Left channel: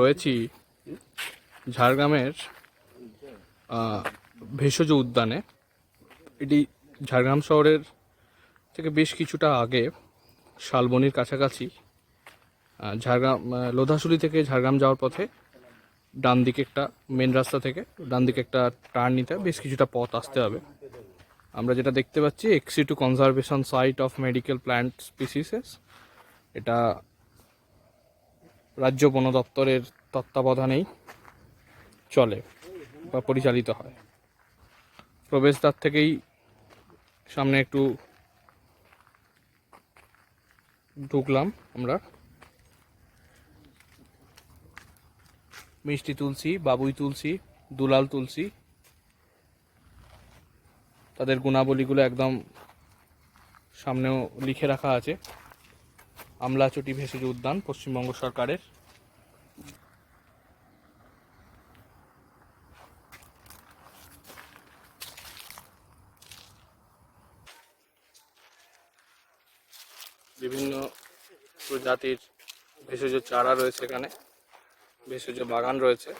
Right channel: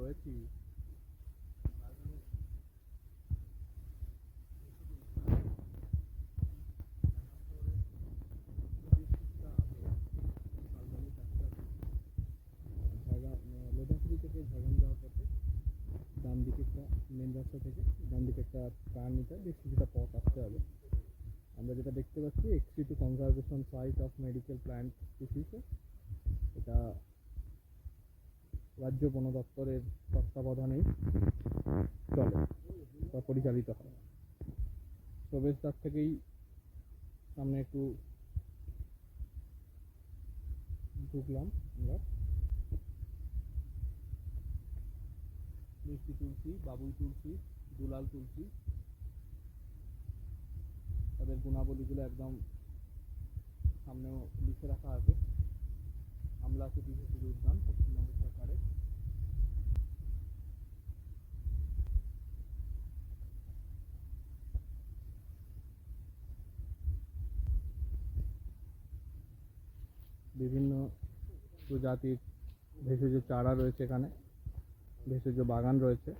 রয়েছি ঝাড়গ্রামের ভেষজ উদ্যানে। এটি ঝাড়গ্রাম শহরের থেকে বেশ কিছুটা আগে, শালবনির কাছাকাছি। ঝাড়গ্রাম লোধাশুলি থেকে ঝাড়গ্রাম যাওয়ার পথে ডান দিকে একটা মেন রাস্তা থেকে ডান দিকে একটা টার্ন নিতে বেশ কিছুটা পথ আসতে হবে। আমরা যেটা দেখতে পাচ্ছি, এক্সি2 conservation site of medical plant species. এটা রাজ্য বন দপ্তরের তত্ত্বাবধানেই চলে বা পরিচালিত হয়। প্রবেশদ্বার থেকেই সামনে একটু ঢুকলাম আমরা। মিষ্টি তুলসী, বাবুই তুলসী, দুলাল তুলসী, তাদের গুণাবলীগুলো একদম সামনেও লিখে রাখা আছে। আমলাচটি ভেষজ উদ্যান পশ্চিমবঙ্গ সরকারের। বিভিন্ন প্রজাতির ভেষজ চারা রয়েছে এখানে, ভেষজ বাগান রয়েছে।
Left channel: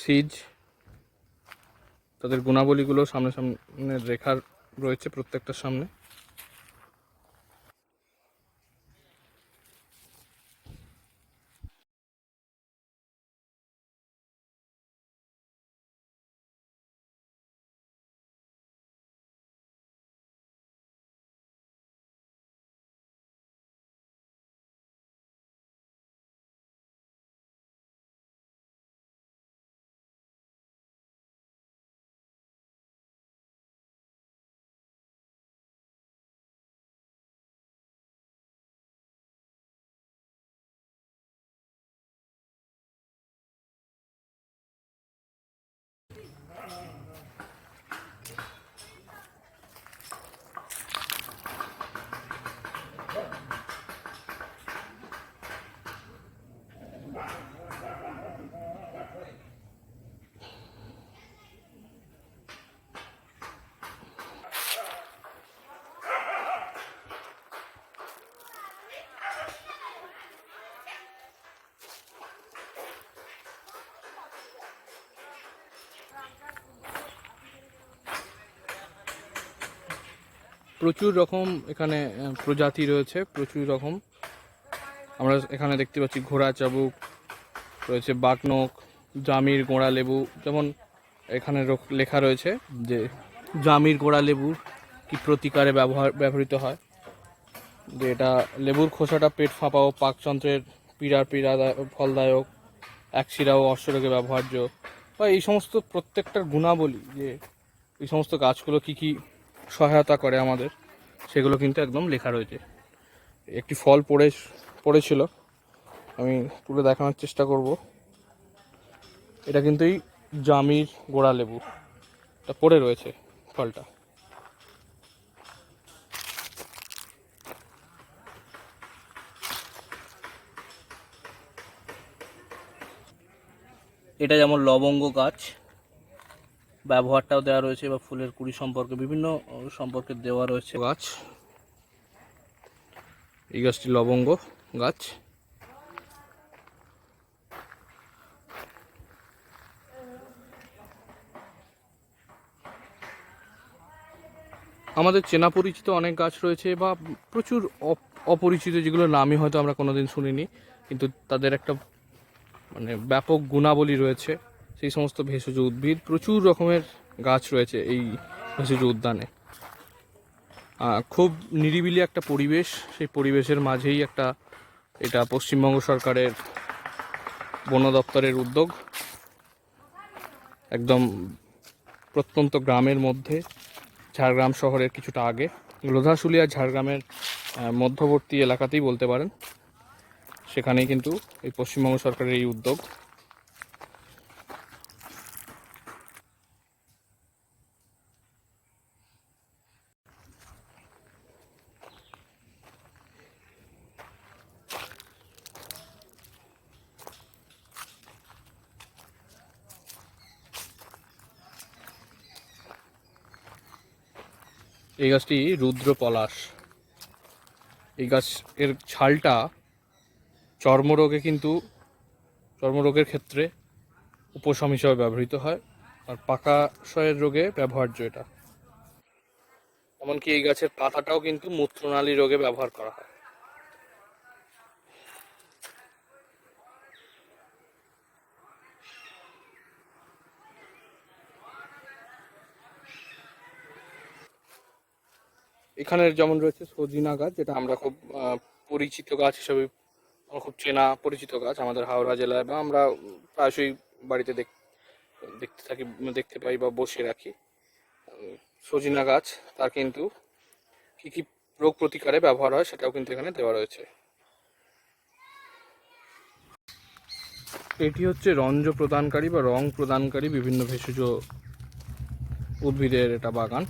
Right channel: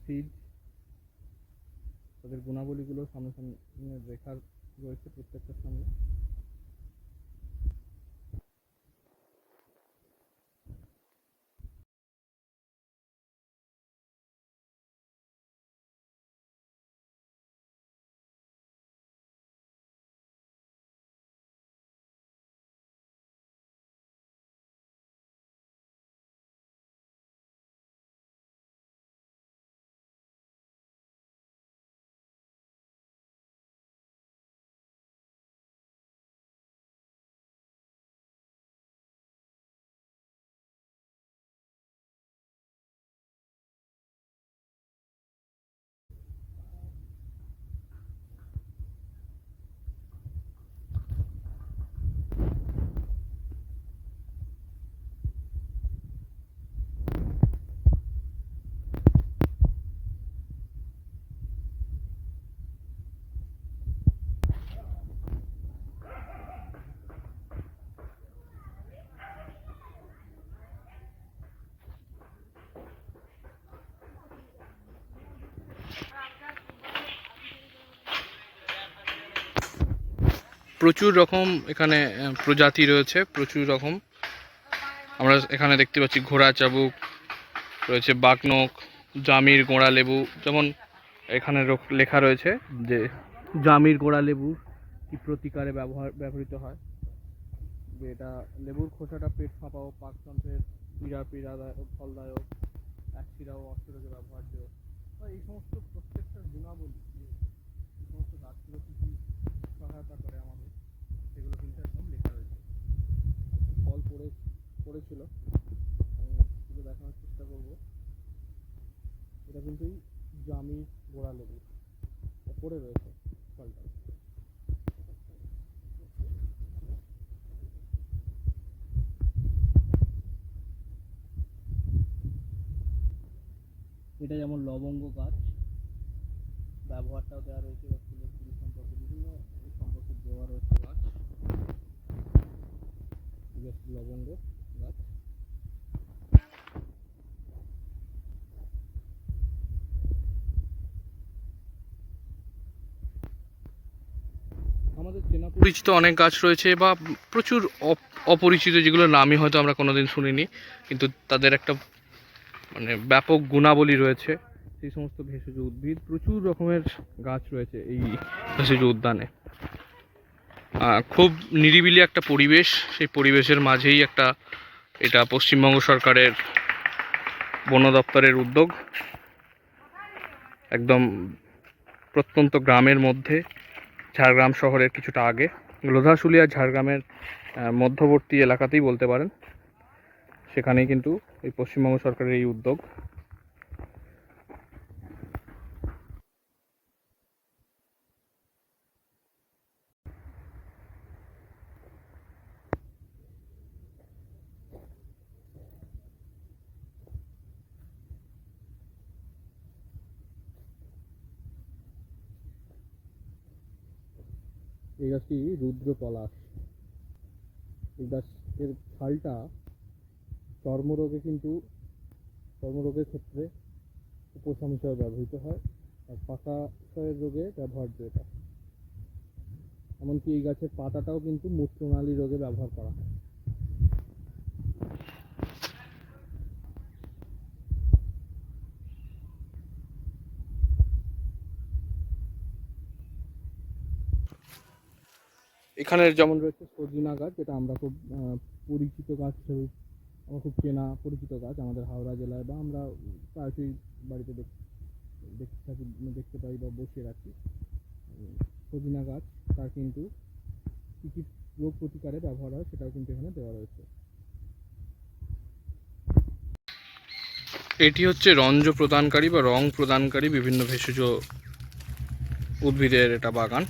সিজ, তাদের গুণাবলীগুলো সামনে সামনে রেখা রয়েছে প্রত্যেকটার সামনে। প্রচুর রকম এখানে প্রজাতি রয়েছে, প্রচুর রকম। আমরা এখানে দেখতে পাচ্ছি ঘোড়া চাবুক রয়েছে, বাঘনখ, জামির গোড়া লেবু। যেমন এখানে লেখা রয়েছে যে জামির গোড়া লেবু কি প্রতিকারে ব্যবহৃত হয়, যে এটা লেবুর খোসাটা পেট ফাঁপা ও পাকতন্ত্রের পীড়াদায়ক, ফলদায়ক, একশিরা ও অশ্বরোগে ব্যবহার্য, বা এই সমস্ত প্রত্যেকটার গুণাবলী, যে এই সমস্ত গাছগুলো কি কি সহায়তা করে আমাদের, সেগুলো কিন্তু একদম লেখা রয়েছে। একটি ফল পড়েছিল, আমি তুলে দেখানোর চেষ্টা করব। এটা কিন্তু এই জামির গোড়া লেবু, এটা পড়ে রয়েছে ফলটা। এটা যেমন লবঙ্গ গাছ, ব্যবহারটাও দেওয়া রয়েছে, বা ফুলের কুড়ি সম্পর্কে বিভিন্ন সম্পর্কে দেওয়া রয়েছে গাছ। এই গাছটি লবঙ্গ গাছ। আমাদের চেনা পরিচিত অনেক গাছ রয়েছে, বা প্রচুর অপরিচিত, যেগুলো নামই হয়তো আমরা কোনোদিন শুনিনি, কিন্তু তাদের একটা মানে ব্যাপক গুণাবলী রয়েছে। সেই সমস্ত ভেষজ উদ্ভিদ, প্রচুর রকমের গাছ রয়েছে এই ভেষজ উদ্যানে। খুব নিরিবিলি একটা পরিবেশ, সেই পরিবেশের মাঝেই এটা পশ্চিমবঙ্গ সরকারের বন দপ্তরের উদ্যোগ। একদম প্রত্যন্ত গ্রামের মধ্যে, ঝাড়গ্রাম শহরের কিছুটা আগে, লোধাশুলি আর ঝাড়গ্রামের মধ্যবর্তী এলাকাতেই বলতে পারেন। সেখানেই কিন্তু এই পশ্চিমবঙ্গ সরকারের এই উদ্যোগ। এই গাছটি রুদ্র পলাশ। এই গাছের ছালটা চর্মরোগের ক্ষেত্রে উপশম হিসাবে ব্যবহৃত হয়, আর পাকাশয়ের রোগে ব্যবহার্য এটা। এমনকি এই গাছের পাতাটাও কিন্তু মূত্রনালী রোগে ব্যবহার করা হয়। এখানে যেমন রয়েছে সজিনা গাছ, যেটা আমরা খুব পরিচিত গাছ হিসাবে, খুব চেনা পরিচিত গাছ আমাদের হাওড়া জেলায়, বা আমরা প্রায়শই বাড়িতে দেখতে পাই বা বসে রাখি। সজিনা গাছ, তার কিন্তু কী কী রোগ প্রতিকারে ব্যবহার হয় সেটাও কিন্তু এখানে দেওয়া রয়েছে। এটি হচ্ছে রঞ্জ প্রদানকারী বা রং প্রদানকারী বিভিন্ন ভেষজ উদ্ভিদের এটা বাগান।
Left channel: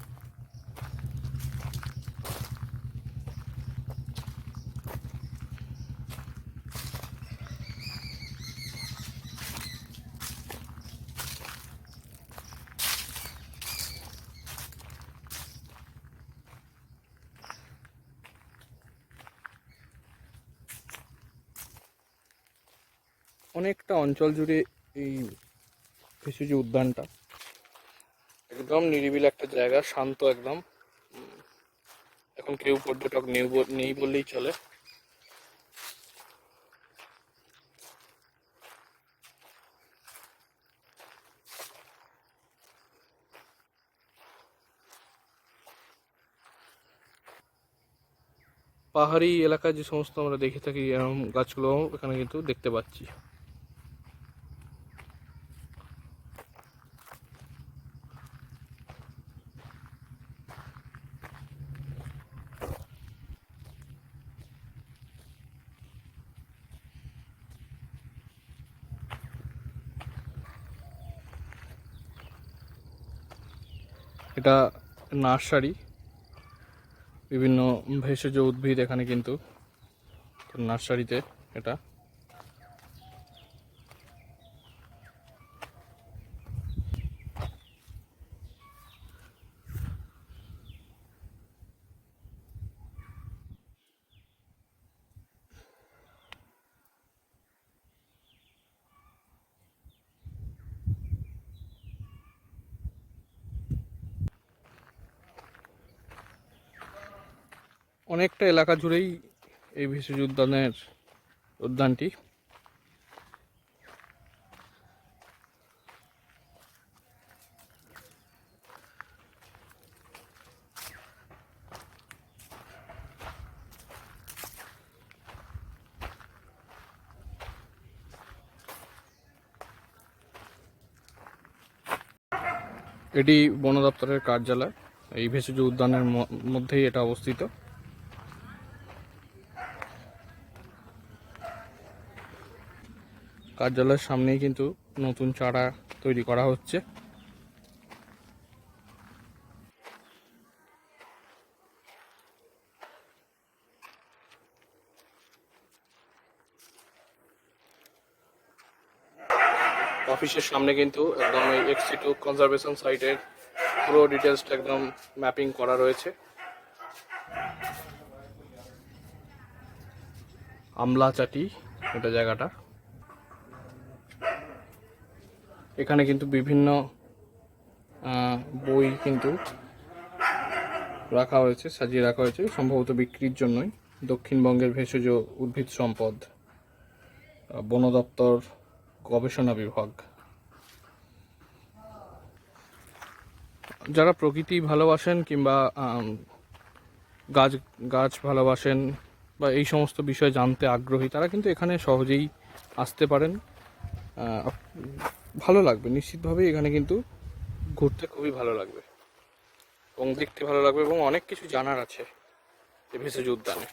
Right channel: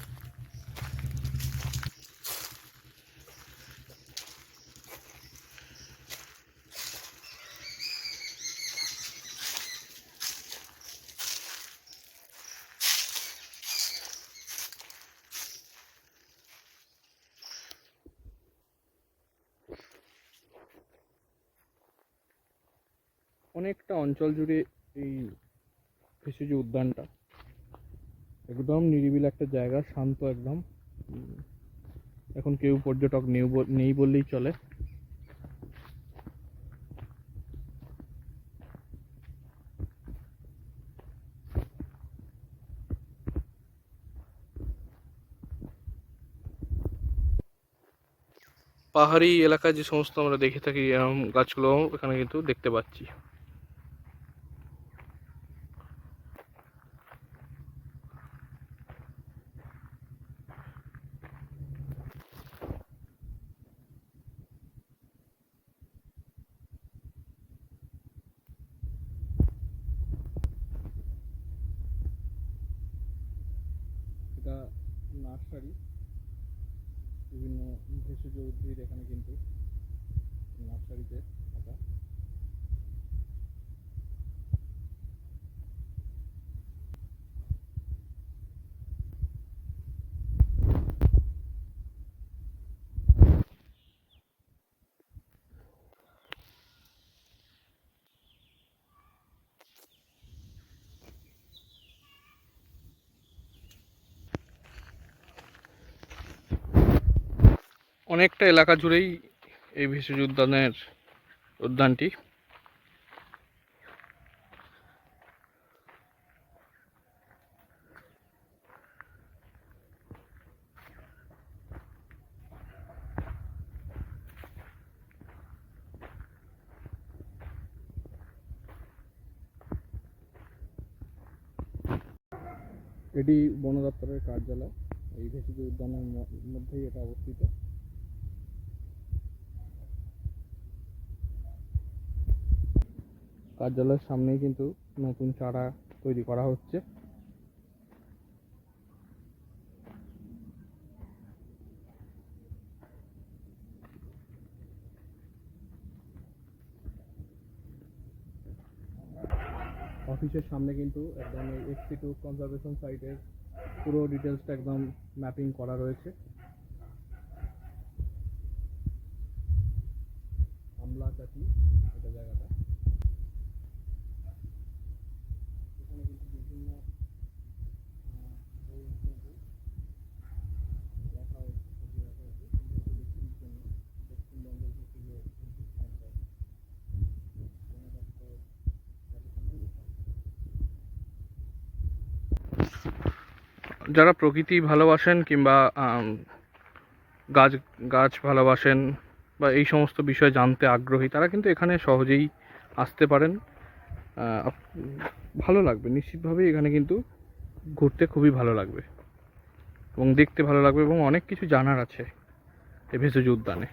অনেকটা অঞ্চল জুড়ে এই ভেষজ উদ্যানটা, একদম নিরিবিলি একটা জায়গা, শান্ত একদম। এখন কেউ পর্যটক নেই বললেই চলে। পাহাড়ি এলাকায় যে সমস্ত আমরা দেখে থাকি এরকম গাছগুলো এখানে কিন্তু দেখতে পাচ্ছি। এটা নার্সারি, বিভিন্ন ভেষজ উদ্ভিদ এখানে কিন্তু নার্সারিতে এটা। অনেকটা এলাকা জুড়েই এই ভেষজ উদ্যানটি। এটি বন দপ্তরের কার্যালয়, এই ভেষজ উদ্যানের মধ্যেই এটা অবস্থিত। কার্যালয়ের সামনেই কিন্তু নতুন চারা তৈরি করা হচ্ছে। অফিসের সামনে কিন্তু একদম এই এক্সিটু কনজারভেশন সাইটের পুরো ডিটেলসটা একদম ম্যাপিং করা রয়েছে। আমলাচাটি এটা জায়গাটা। এখানে কিন্তু বিভিন্ন বই কিন্তু সাজিয়ে রাখা হয়েছে, সম্ভবত বিক্রির জন্যই। দক্ষিণবঙ্গের ভেষজ উদ্ভিদ সম্পদ, বন দপ্তর, গবেষণা বিভাগ। যারা প্রকৃতি ভালোবাসেন কিংবা গাছ ভালোবাসেন বা এই সমস্ত বিষয় জানতে আগ্রহী, তারা কিন্তু এখানে সহজেই আসতে পারেন। ভালো লাগবে নিশ্চিতভাবেই, এখানে কিন্তু ঘুরতে খুবই ভালো লাগবে এবং দেখতে ভালো লাগবে, এবং অনেক কিছু জানার আছে এই ভেষজ উদ্যানে।